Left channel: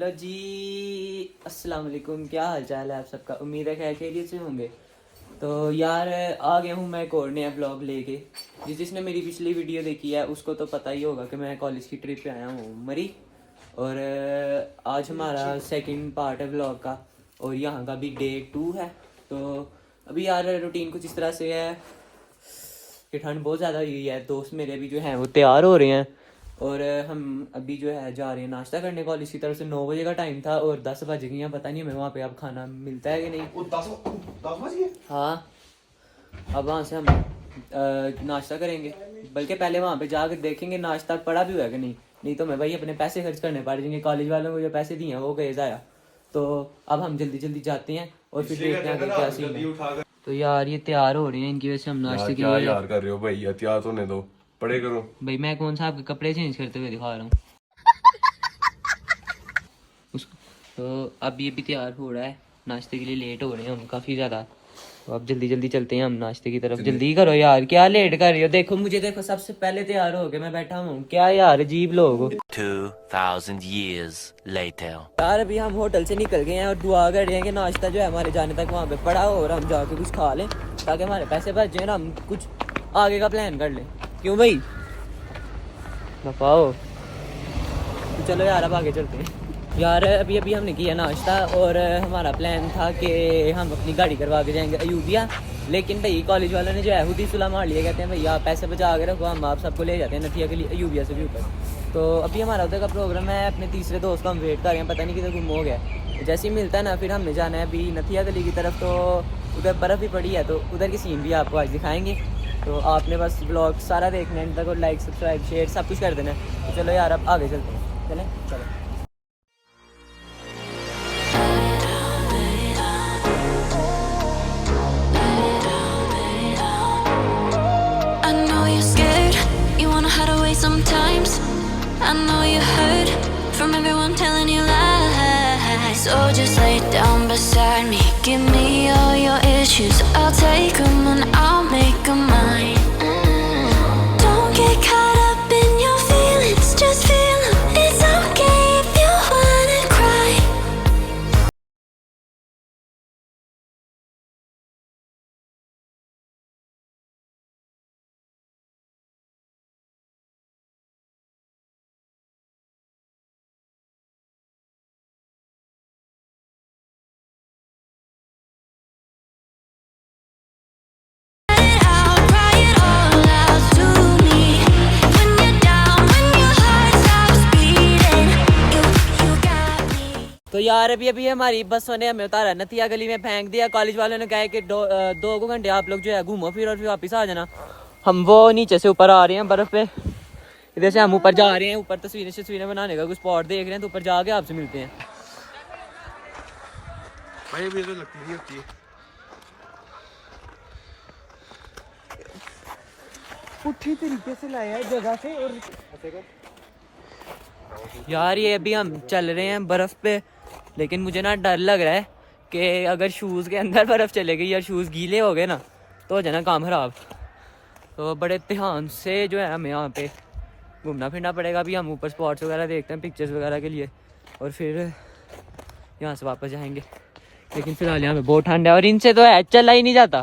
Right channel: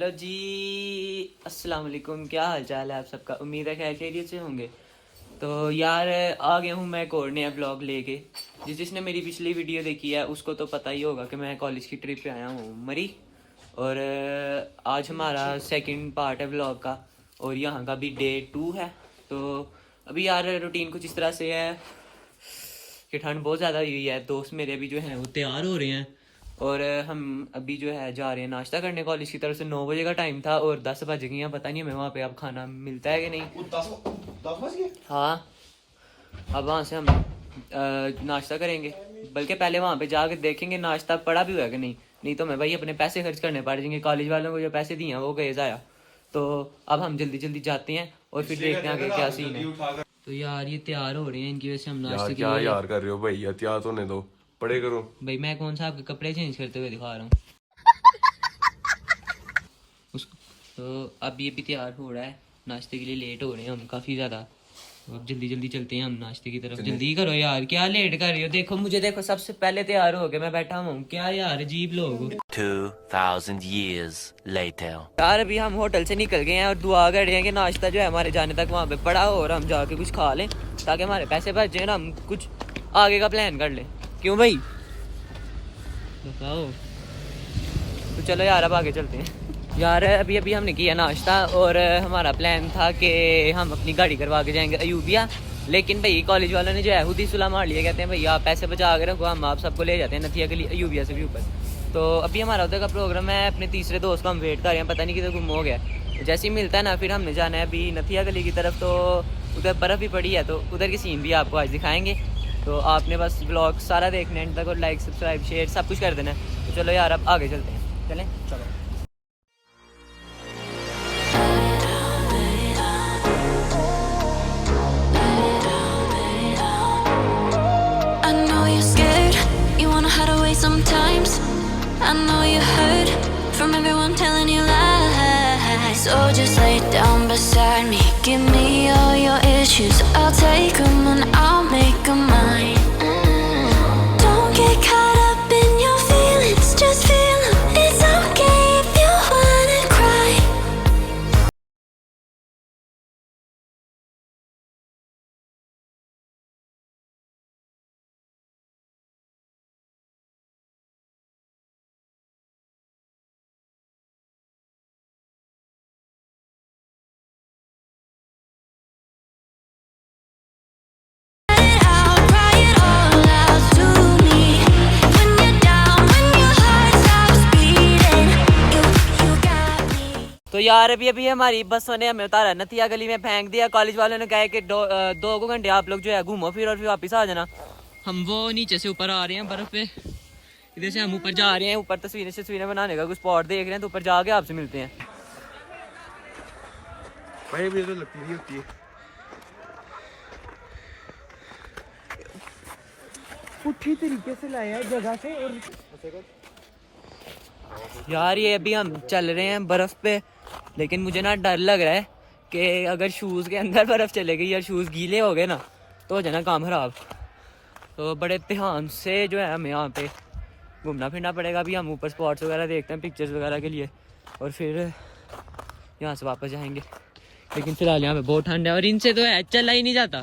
Hello जी, अस्सलाम वालेकुम। क्या हाल चाल है आप सबका? उम्मीद है खैर खैरियत से होंगे। तो यार आ गया हूँ मैं एक और नया ब्लॉग लेके। जिसने मेरी पिछली वीडियो देखी है उसको तो पता ही होगा कि मैं कॉलेज की ट्रिप पे आया हूँ मरी। और आज हमारा सेकंड पार्ट है ब्लॉग का और यहाँ का भी डे 2 है। तो अभी यार रूटीन कुछ इस तरह से है कि ठंड बहुत ज़्यादा हुई है। दोस्त मेरे भी जो हैं वो तैयार हो रहे हैं और हम अभी जो है जा रहे हैं नाश्ता करने। कॉलेज की तरफ से 9 बजे का टाइम था और 10 बज गई हैं। पता नहीं हमें वहाँ पे अब खाना मिलता है कि नहीं। 10 बज गए? हाँ, अब वहाँ से हम नाश्ता करेंगे। बल्कि पहले वहाँ पे जाकर देखेंगे नाश्ता पड़ा भी हुआ है कि नहीं तो मैं भाई अपने पैसे खर्च करने पड़ जाएंगे। कॉलेज वालों को जो पैसे दिए हैं वो गए ज़ाया। तो अब हम जल्दी जल्दी जाते हैं और फिर देखते हैं आगे क्या सीन है। तो यार ये तैयार हो रहे हैं, इनकी वजह से हम नाश्ते के क्या लिए यार कर रहे हो भाई? एहतियात होने दो, पढ़े करो। भाई मैं कौन सा आपके कपड़े चेंज करते हुए दिखा रहा हूँ उसको। तो अब ये भी तैयार हो रहा है नाश्ते के लिए। लेट हो रहे हैं हम काफ़ी ज़्यादा। तो अब जल्दी जल्दी चलते हैं हम नाश्ते की तरफ। जल्दी करो यार, क्या लेट कर रही हो? देखो मुझे, देखो सबसे पहले तैयार हो गए मैं बैठा हूँ। क्या यार अजीब लोग। 2000 years later. यार अभी हम होटल से निकल गए हैं और दुआ कर रहे हैं कि नाश्ता जो है हमारे जाने तक वहाँ पे पड़ा हो और हम जाके कुछ खा लें ताकि हमारे पैसे बच जाए ना, हम कुछ आगे का प्लान कर लें। क्यों भाई बताओ? तो चलो यार अब आगे चलते हैं। यार अभी अभी हमने किया नाश्ता और हमारा प्लान था कि हम अपनी गाड़ी करवा के जाएंगे अयूबिया। लेकिन भाई कॉलेज वालों ने जो है खुद ही सुलह मार लिया। कहते हैं भाई आप पैसे बचा के रखो, हम आप सबको ले जाते हैं नथिया के लिए अयूबिया से भी ऊपर। तो अभी हमारा उधर का प्रोग्राम है। अपने तीसरे दोस्त का हम वेट कर रहे हैं, पता नहीं किधर गुम हो गया। जैसे ही मिलता है ना फिर हमने जाना है अभी नथिया गली की तरफ। तो उधर बर्फ़ भी पड़ी है तो उधर की सीन भी आपको आज दिखाएंगे। तो आपने बस ब्लॉग सारा देखना है तक और लाइक सब्सक्राइब शेयर सब कुछ कर देना है। तो चलो यार अब आगे चलते हैं, चलें चलो। Sometimes I know you heard from everyone telling you lies. So just lay down beside me, give me all your issues. I'll take them and I'll make them mine. Don't get caught up in your feelings, just feel them. It's okay if you wanna cry. तो यार अभी अभी हमारी बसों ने हमें उतारा नथिया गली में फेंक दिया। कॉलेज वालों ने कहा कि दो घंटे आप लोग जो है घूमो फिर और फिर वापस आ जाना। हम वो नीचे से ऊपर आ रहे हैं बर्फ पे, इधर से हम ऊपर जा रहे हैं। ऊपर तस्वीरें बनाने का कुछ स्पॉट देख रहे हैं। तो ऊपर जाके आपसे मिलते हैं। भाई भी तो लगती नहीं होती है। उठी तरीके से लाया है जगह से। यार ये अभी हम चल रहे हैं बर्फ पे, लेकिन मुझे ना डर लग रहा है कि अगर शूज़ के अंदर बर्फ़ चले गई या शूज़ गीले हो गए ना तो हो जाना काम ख़राब। तो बड़े ध्यान से जो है हमें यहाँ पे घूमना फिरना पड़ेगा। अभी हम ऊपर स्पॉट्स वगैरह देखते हैं पिक्चर्स वगैरह के लिए और फिर यहाँ से वापस जाएंगे। लेकिन फ़िलहाल यहाँ पे बहुत ठंड है और इनसे तो है चला ही नहीं जाता,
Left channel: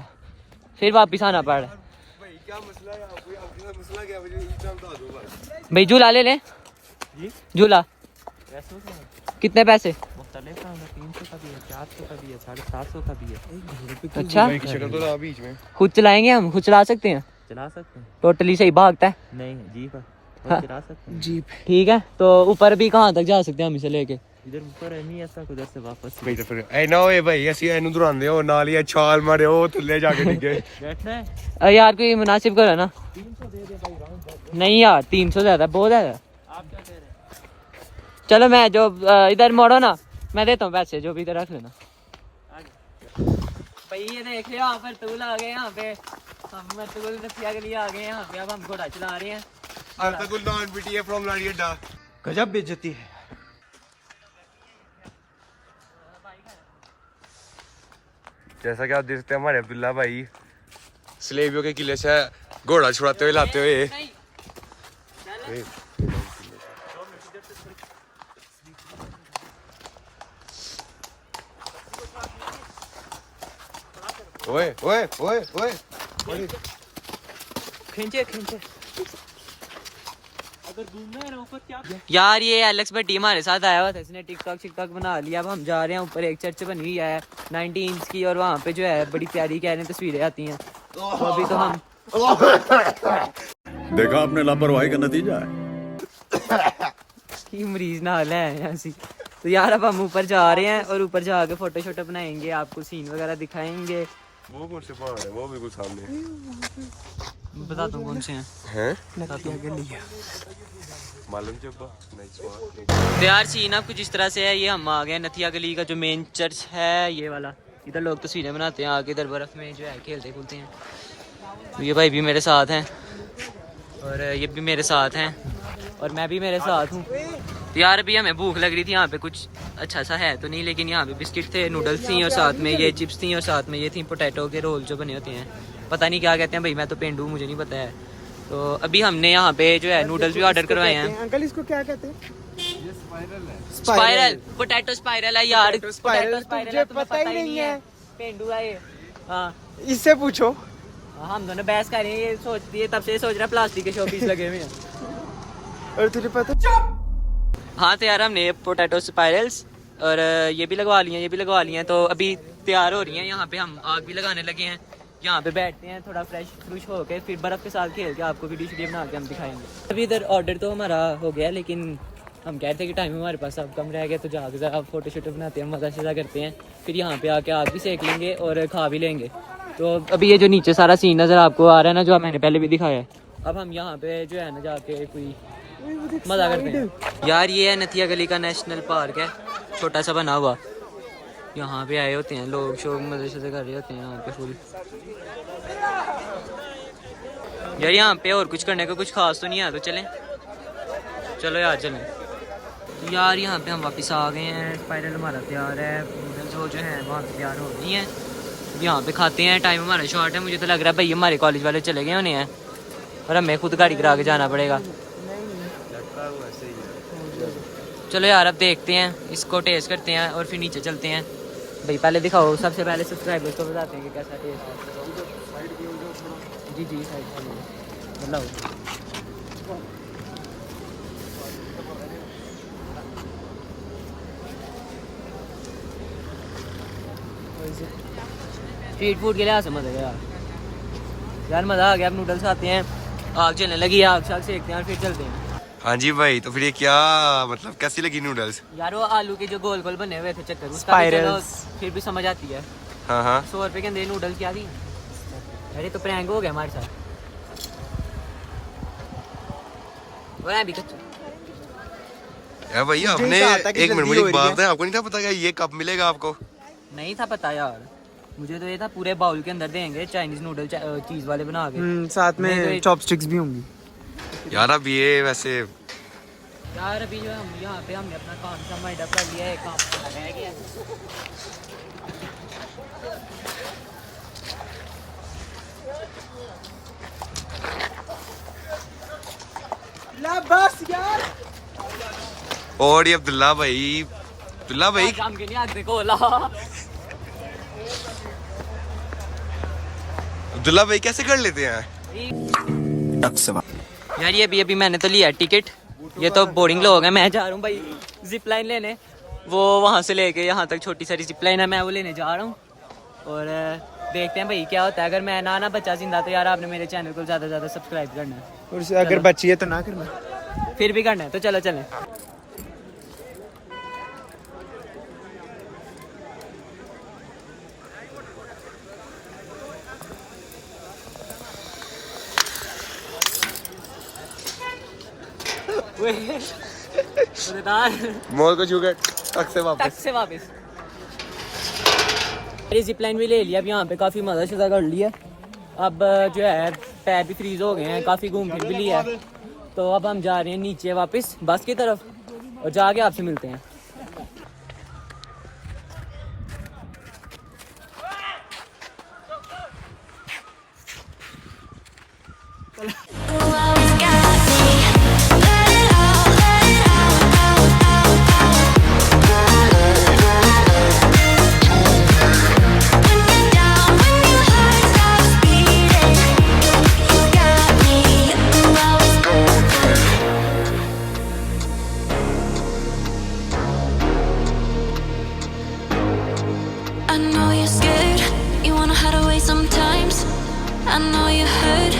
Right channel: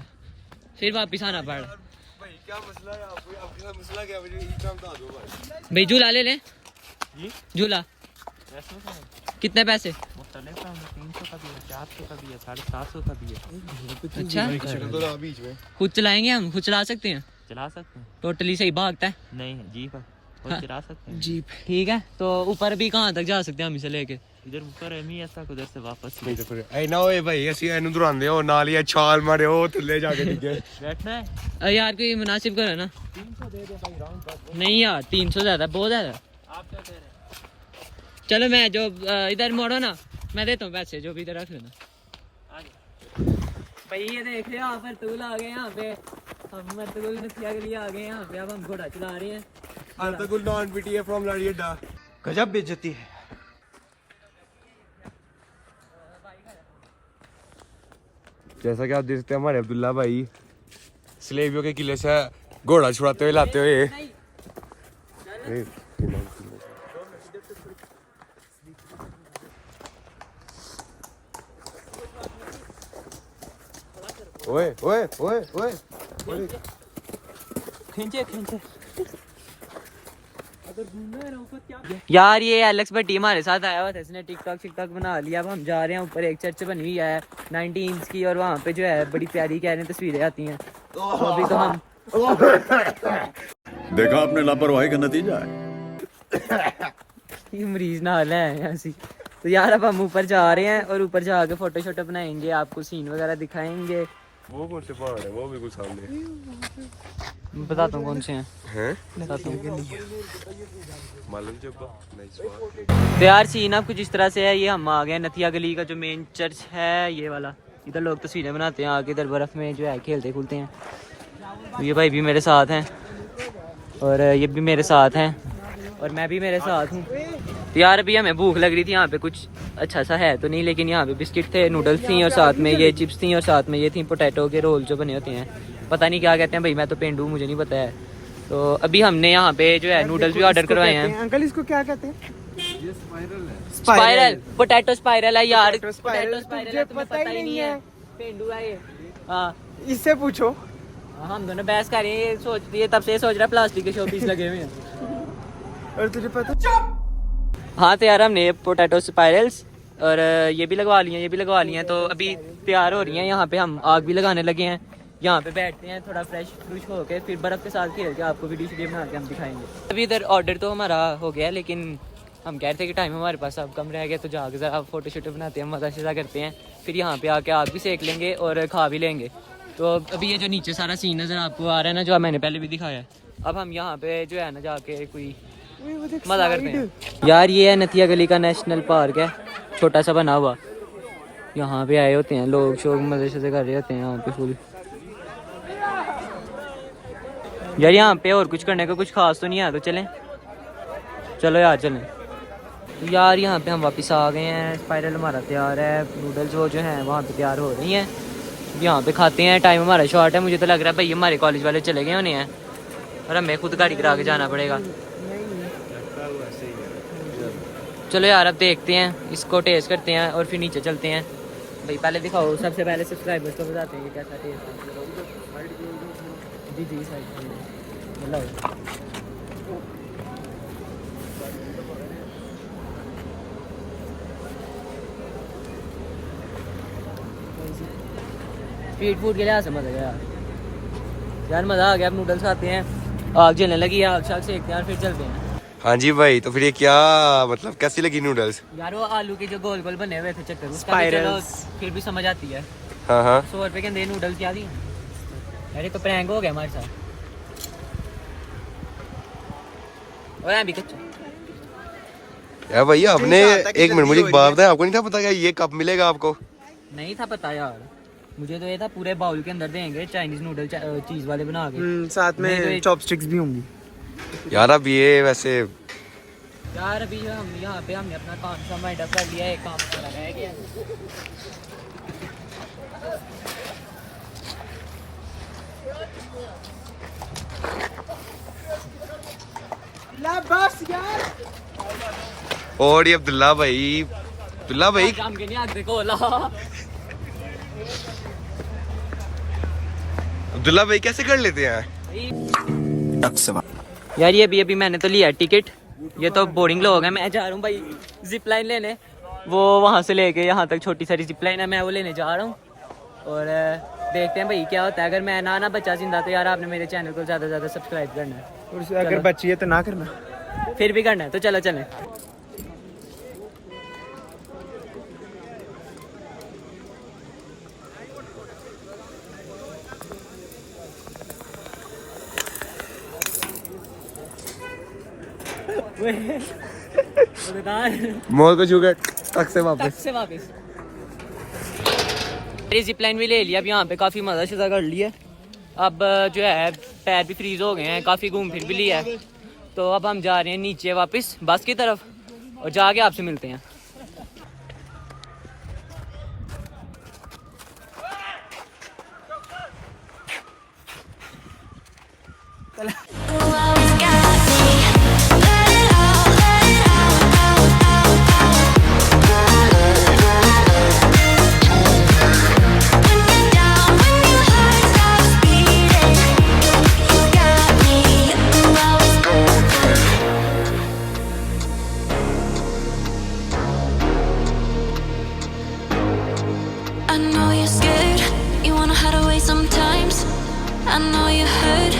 फिर वापस आना पड़ रहा है। भाई क्या मसला है? आपके साथ मसला क्या है? मुझे ये काम बता दो भाई। भाई झूला ले लें जी? झूला कितने पैसे? 300 का भी है, 400 का भी है, 750 का भी है। अच्छा शक्ल तो रहा बीच में। खुद चलाएंगे हम? खुद चला सकते हैं? चला सकते हैं? टोटली सही भागता है? नहीं जीप है और हाँ। चला सकते हैं। जीप ठीक है। तो ऊपर भी कहाँ तक जा सकते हैं हम इसे लेके? इधर ऊपर है नहीं ऐसा, उधर से वापस भाई तो फिर ए ना ओए भाई ऐसी एनु दुरांदे हो नाल ही छाल मारे हो थल्ले जाके डिगे। बैठना है। यार कोई मुनासिब करो ना। 300 दे दे भाई, राउंड नहीं यार 300 ज़्यादा, बहुत ज़्यादा। आप क्या कह रहे हैं? चलो मैं जो इधर मोड़ो ना, मैं देता हूँ पैसे, जो भी इधर रख लेना। भाई ये देख लो यहाँ पर तूल आ गए। यहाँ पे हम अर्तुगरुल नथिया के लिए आ गए। यहाँ पे अब हम घोड़ा चला रहे हैं। Ertugrul non PTA from Ladiadda. गजब बेइज्जती है। जैसा कि आप देख सकते हैं हमारे अब्दुल्ला भाई स्लेवियों के किले से घोड़ा छुड़ाते हुए लाते हुए। ओए ओए ओए ओए खींचे खींचे यार ये एलेक्स भट्टी हमारे साथ आया हुआ था, इसने टिकटॉक बना लिया। अब हम जा रहे हैं ऊपर, एक चर्च बनी हुई है 90 इंच की, और वहाँ पे जो है बड़ी प्यारी कह रहे हैं तस्वीरें आती हैं। तो अभी तो हम देखा आपने लापरवाही का नतीजा है। ये मरीज ना हाल है ऐसी। तो यार अब हम ऊपर जा रहे हैं और ऊपर जाके फोटो शोटो बनाएंगे, आपको सीन वगैरह दिखाएंगे। वो कौन से पहाड़ है? वो भी कुछ सामने बताता हूँ कौन से हैं। हैं मालूम तो यार सीन अब कुछ इस तरह से है। ये हम आ गए नथिया गली का जो मेन चर्च है, ये वाला। इधर लोग तस्वीरें बनाते हैं आके, इधर बर्फ़ में जो है खेलते खुलते हैं। तो ये भाई भी मेरे साथ हैं और ये भी मेरे साथ हैं और मैं भी मेरे साथ हूँ। तो यार अभी हमें भूख लग रही थी, यहाँ पे कुछ अच्छा सा है तो नहीं, लेकिन यहाँ पे बिस्किट थे, नूडल्स थी और साथ में ये चिप्स थी और साथ में ये थी पोटैटो के रोल जो बने होते हैं, पता नहीं क्या कहते हैं भाई, मैं तो पेंडू, मुझे नहीं पता है। तो अभी हमने यहाँ पे जो है नूडल्स भी ऑर्डर करवाए हैं। अंकल इसको क्या कहते हैं? स्पाइरल, पोटैटो स्पाइरल है यार, पोटैटो स्पाइरल है, तुम्हें पता ही नहीं है, पेंडू है ये। हाँ इससे पूछो। हम दोनों बहस कर रहे हैं, ये सोच ये तब से ये सोच रहा है प्लास्टिक के शो पीस लगे हुए हैं। और तुझे पता? हाँ तो यार हमने पोटैटो स्पाइरल्स और ये भी लगवा लिए हैं, ये भी लगवा लिए हैं। तो अभी तैयार हो रही हैं, यहाँ पे हम आग भी लगाने लगे हैं, यहाँ पे बैठते हैं थोड़ा फ्रेश होकर, फिर बर्फ़ के साथ खेल के आपको वीडियो बना के हम दिखाएंगे। अभी इधर ऑर्डर तो हमारा हो गया, लेकिन हम कह रहे थे कि टाइम हमारे पास अब कम रह गया, तो जाके ज़रा फोटो शोटो बनाते हैं, मज़ा शज़ा करते हैं, फिर यहाँ पे आके आग भी सेक लेंगे और खा भी लेंगे। तो अभी ये जो नीचे सारा सीन नज़र आपको आ रहा है ना, जो मैंने पहले भी दिखाया है, अब हम यहाँ पे जो है ना जाके कोई मज़ा करते हैं। यार ये है नथिया गली का नेशनल पार्क है, छोटा सा बना हुआ। यहाँ पे आए होते हैं लोग, शौक मज़े शज़े कर रहे होते हैं यहाँ पे फुल। यार यहाँ पे और कुछ करने का कुछ खास तो नहीं है, तो चलें, चलो यार चलें। तो यार यहाँ पे हम वापस आ गए हैं, स्पाइरल हमारा तैयार है, नूडल्स जो है वहाँ पे तैयार हो रही हैं, यहाँ पे खाते हैं। टाइम हमारा शॉर्ट है, मुझे तो लग रहा है भाई हमारे कॉलेज वाले चले गए होने हैं और हमें खुद गाड़ी करा के जाना पड़ेगा। चलो यार अब देखते हैं, इसको टेस्ट करते हैं और फिर नीचे चलते हैं। भाई पहले दिखाओ, सबसे पहले सब्सक्राइबर्स को बताते हैं कि कैसा टेस्ट है। जी जी मतलब स्ट्रीट फूड के लिए मजा गया यार, मज़ा आ गया। अब नूडल्स खाते हैं, आग जलने लगी, आग शाग सेकते हैं और फिर चलते हैं। हाँ जी भाई, तो फिर ये क्या मतलब कैसी लगी नूडल्स? यार वो आलू के जो गोल गोल बने हुए थे चक्कर, उसका भी चलो फिर भी समझ आती है। हाँ हाँ 100 रुपए के अंदर नूडल्स क्या दी? अरे तो प्रैंक हो गया हमारे साथ। और भी कच्चा यार भैया आपने एक मिनट मुझे एक बात बताया, आपको नहीं था पता क्या ये कब मिलेगा आपको? नहीं था पता यार, मुझे तो ये था पूरे बाउल के अंदर देंगे चाइनीज नूडल चीज वाले बना के, साथ में चॉपस्टिक्स भी होंगी। यार अब ये वैसे यार अभी जो हम यहाँ पे हमने अपना काम शाम वाइंड अप कर लिया है, काम हमारा रह गया। बस यार। और ये अब्दुल्ला भाई काम के नहीं आग देखो ला। अब्दुल्ला भाई कैसे कर लेते हैं? यार ये अभी मैंने तो लिया टिकट, ये तो बोर्डिंग लोग हैं। मैं जा रहा हूँ भाई जिप लाइन लेने, वो वहाँ से लेके यहाँ तक छोटी सारी जिप लाइन है, मैं वो लेने जा रहा हूँ और देखते हैं भाई क्या होता है। अगर मैं ना बच्चा जिंदा तो यार आपने मेरे चैनल को ज़्यादा से ज़्यादा सब्सक्राइब करना है, और अगर बच्ची है तो ना करना, फिर भी करना है। तो चलो चलें। मोल को छूकर टक से वापस जिप लाइन भी ले लिया। अब यहाँ पे काफ़ी मज़ा शज़ा कर लिया। अब जो है पैर भी फ्रीज हो गए हैं, काफ़ी घूम फिर भी लिया है। तो अब हम जा रहे हैं नीचे वापस बस की तरफ और जाके आपसे मिलते हैं। I know you heard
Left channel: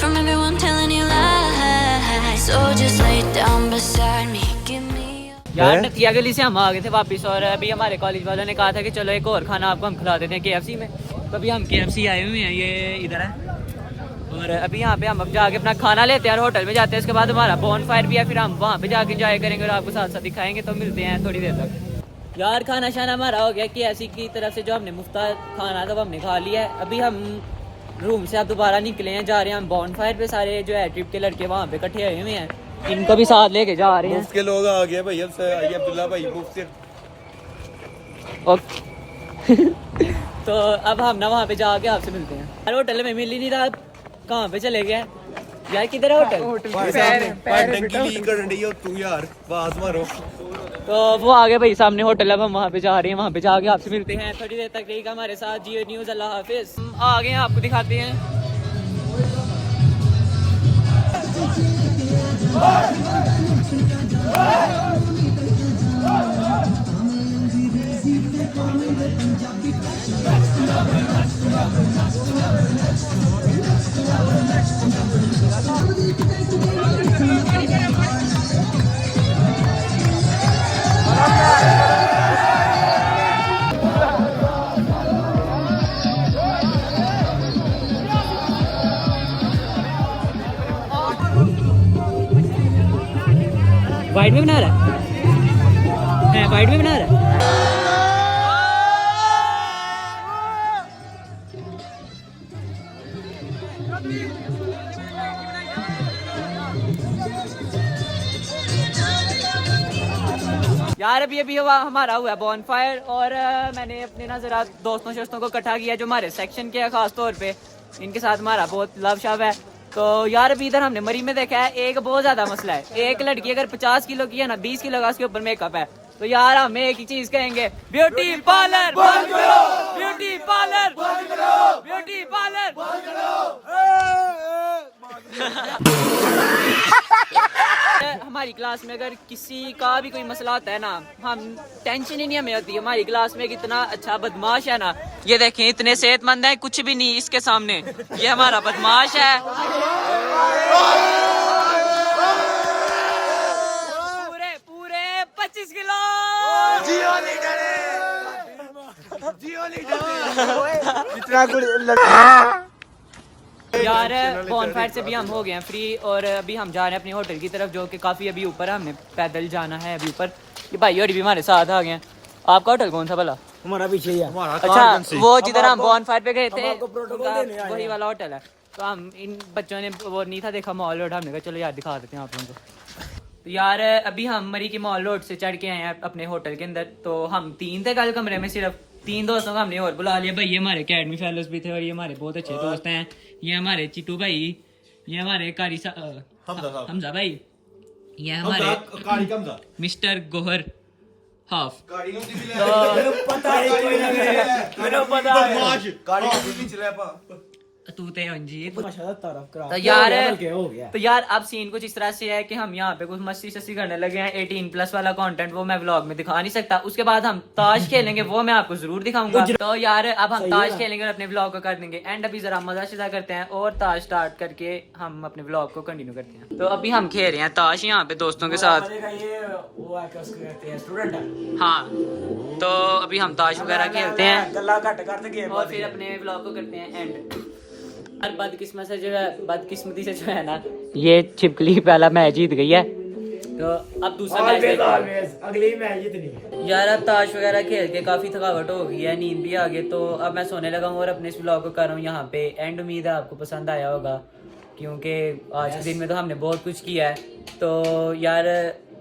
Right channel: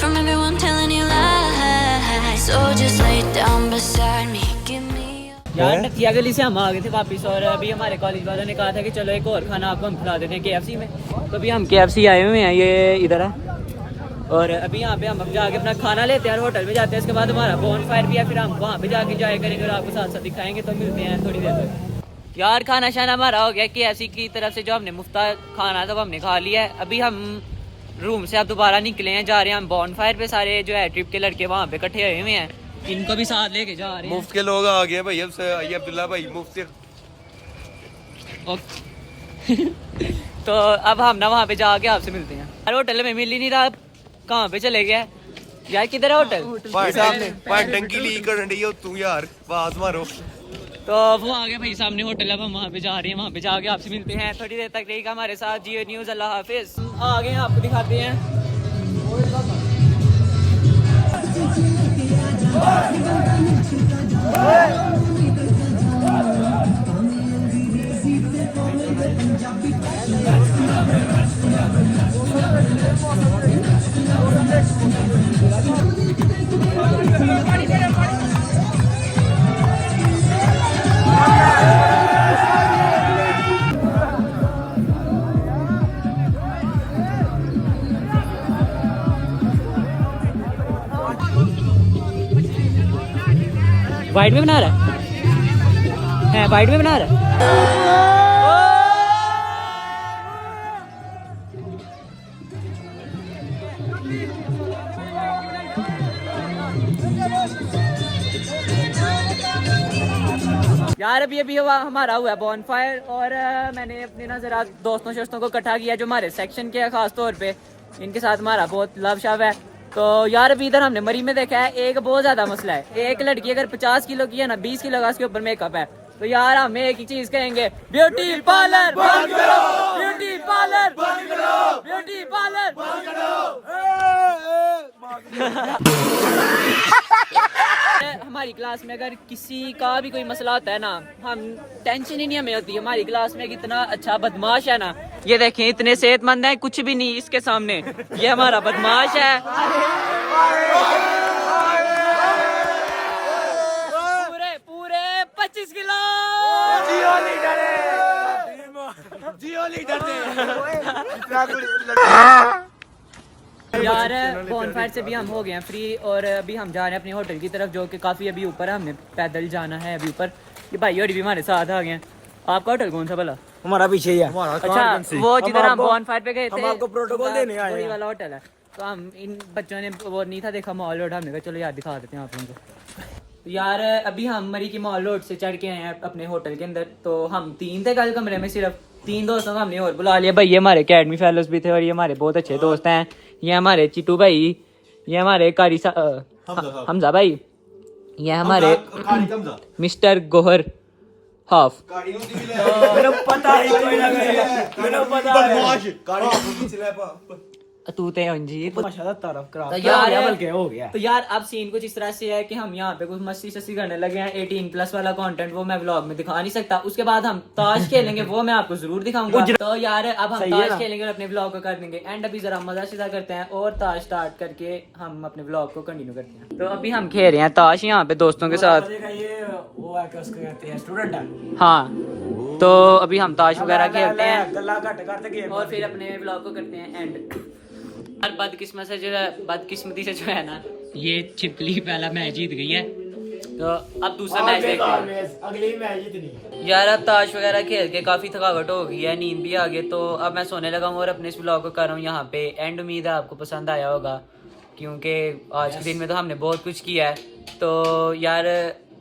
from everyone telling you lies. So just lay down beside me, give me यार नथिया गली से हम आ गए थे वापस और अभी हमारे कॉलेज वालों ने कहा था कि चलो एक और खाना आपको हम खिला देते हैं KFC में। तो अभी हम KFC आए हुए हैं, ये इधर है और अभी यहाँ पे हम अब जाके अपना खाना लेते हैं और होटल में जाते हैं। इसके बाद हमारा बॉन फायर भी है, फिर हम वहाँ पे जाके एंजॉय करेंगे और आपको साथ साथ दिखाएंगे। तो मिलते हैं थोड़ी देर तक। यार खाना शाना हमारा हो गया KFC की तरफ से, जो हमने मुफ्ता खाना था वो हमने खा लिया है। अभी हम रूम से अब दोबारा निकले हैं, जा रहे हैं हम बॉन फायर पे। सारे जो है ट्रिप के लड़के वहाँ पे इकट्ठे हुए हैं, इनको भी साथ लेके जा रहे हैं। मुफ्त के लोग आ गए भाई, अब से आइए अब्दुल्ला भाई मुफ्त से। तो अब हम ना वहाँ पे जाके आपसे मिलते हैं। यार होटल में मिल ही नहीं रहा, कहाँ पे चले गए यार? किधर है होटल? टंकी लीक कर रही हो तू यार, आवाज मारो। तो वो आ गए भाई सामने होटल, अब हम वहाँ पे जा रहे हैं। वहाँ पे जाके आपसे मिलते हैं थोड़ी देर तक। रहेगा हमारे साथ जियो न्यूज़। अल्लाह हाफिज। हम आ गए हैं, आपको दिखाते हैं। वाइट में बना रहा है, वाइट में बना रहा है। यार अभी हमारा हुआ बॉन फायर और मैंने अपने ना जरा दोस्तों शोस्तों को इकट्ठा किया जो हमारे सेक्शन के, खास तौर पे इनके साथ हमारा बहुत लव शव है। तो यार अभी इधर हमने मरी में देखा है, एक बहुत ज्यादा मसला है। एक लड़की अगर 50 किलो की है ना, 20 किलो का उसके ऊपर मेकअप है, तो यार हम एक ही चीज कहेंगे, ब्यूटी पार्लर बंद करो, ब्यूटी पार्लर बंद करो, ब्यूटी पार्लर बंद करो। हमारी क्लास में अगर किसी का भी कोई मसला होता है ना, हम टेंशन ही नहीं हमें होती। हमारी क्लास में कितना अच्छा बदमाश है ना, ये देखें इतने सेहतमंद है, कुछ भी नहीं इसके सामने। ये हमारा बदमाश है, पूरे 25 किलो। जियो लीडर है, जियो लीडर यार बॉनफायर से भी हम हो गए हैं फ्री और अभी हम जा रहे हैं अपने होटल की तरफ, जो कि काफ़ी अभी ऊपर है। हमने पैदल जाना है अभी ऊपर। ये भाई और भी हमारे साथ आ गए हैं। आपका होटल कौन सा भला? हमारा पीछे ही है। अच्छा, वो जिधर हम बॉनफायर पे गए थे प्रोटोकॉल देने आए वही वाला होटल है। तो हम इन बच्चों ने वो नहीं था देखा मॉल रोड, हमने कहा चलो यार दिखा देते हैं आप लोगों को। तो यार अभी हम मरी की मॉल रोड से चढ़ के आए हैं अपने होटल के अंदर। तो हम 3 थे कल कमरे में, सिर्फ 3 दोस्तों को हमने और बुला लिया। भाई ये हमारे अकेडमी फेलोज भी थे और ये हमारे बहुत अच्छे दोस्त हैं। ये हमारे चिट्टू भाई, ये हमारे कारी हमजा भाई, ये हमारे मिस्टर गोहर हाफ। तू ते अंजीत। तो यार अब सीन कुछ इस तरह से है कि हम यहाँ पे कुछ मस्ती शस्ती करने लगे हैं। 18+ वाला कंटेंट वो मैं व्लॉग में दिखा नहीं सकता। उसके बाद हम ताश खेलेंगे, वो मैं आपको जरूर दिखाऊंगा। तो यार अब हम ताश खेलेंगे और अपने व्लॉग को कर देंगे एंड। अभी जरा मजा शजा करते हैं और ताश स्टार्ट करके हम अपने व्लॉग को कंटिन्यू करते हैं। तो अभी हम खेल रहे हैं ताश यहाँ पे दोस्तों के साथ। हाँ, तो अभी हम ताश वगैरह खेलते हैं और फिर अपने व्लॉग को करते हैं एंड। बदकिस्मती से जो है ना, ये छिपकली पहला मैच जीत गई है। तो अब दूसरा मैच देखते हैं। अगली मैच जीतनी। यार अब ताश वगैरह खेल के काफी थकावट हो गई है, नींद भी आ गई। तो अब मैं सोने लगा हूँ और अपने इस व्लॉग को कर रहा हूँ यहाँ पे एंड। उम्मीद है आपको पसंद आया होगा, क्योंकि आज के दिन में तो हमने बहुत कुछ किया है। तो यार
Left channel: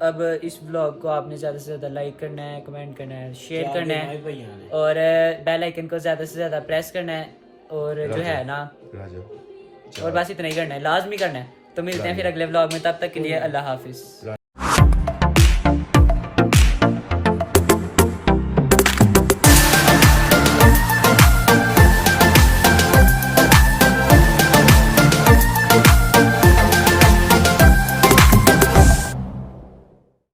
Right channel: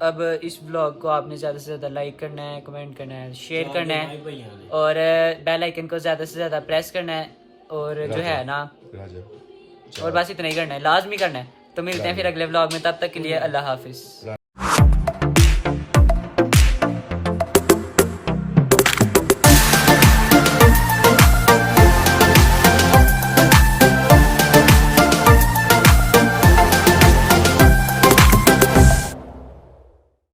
अब इस व्लॉग को आपने ज़्यादा से ज़्यादा लाइक करना है, कमेंट करना है, शेयर करना है और बेल आइकन को ज़्यादा से ज़्यादा प्रेस करना है। और जो है ना, और बस इतना ही करना है, लाजमी करना है। तो मिलते हैं फिर अगले व्लॉग में, तब तक के लिए अल्लाह हाफिज।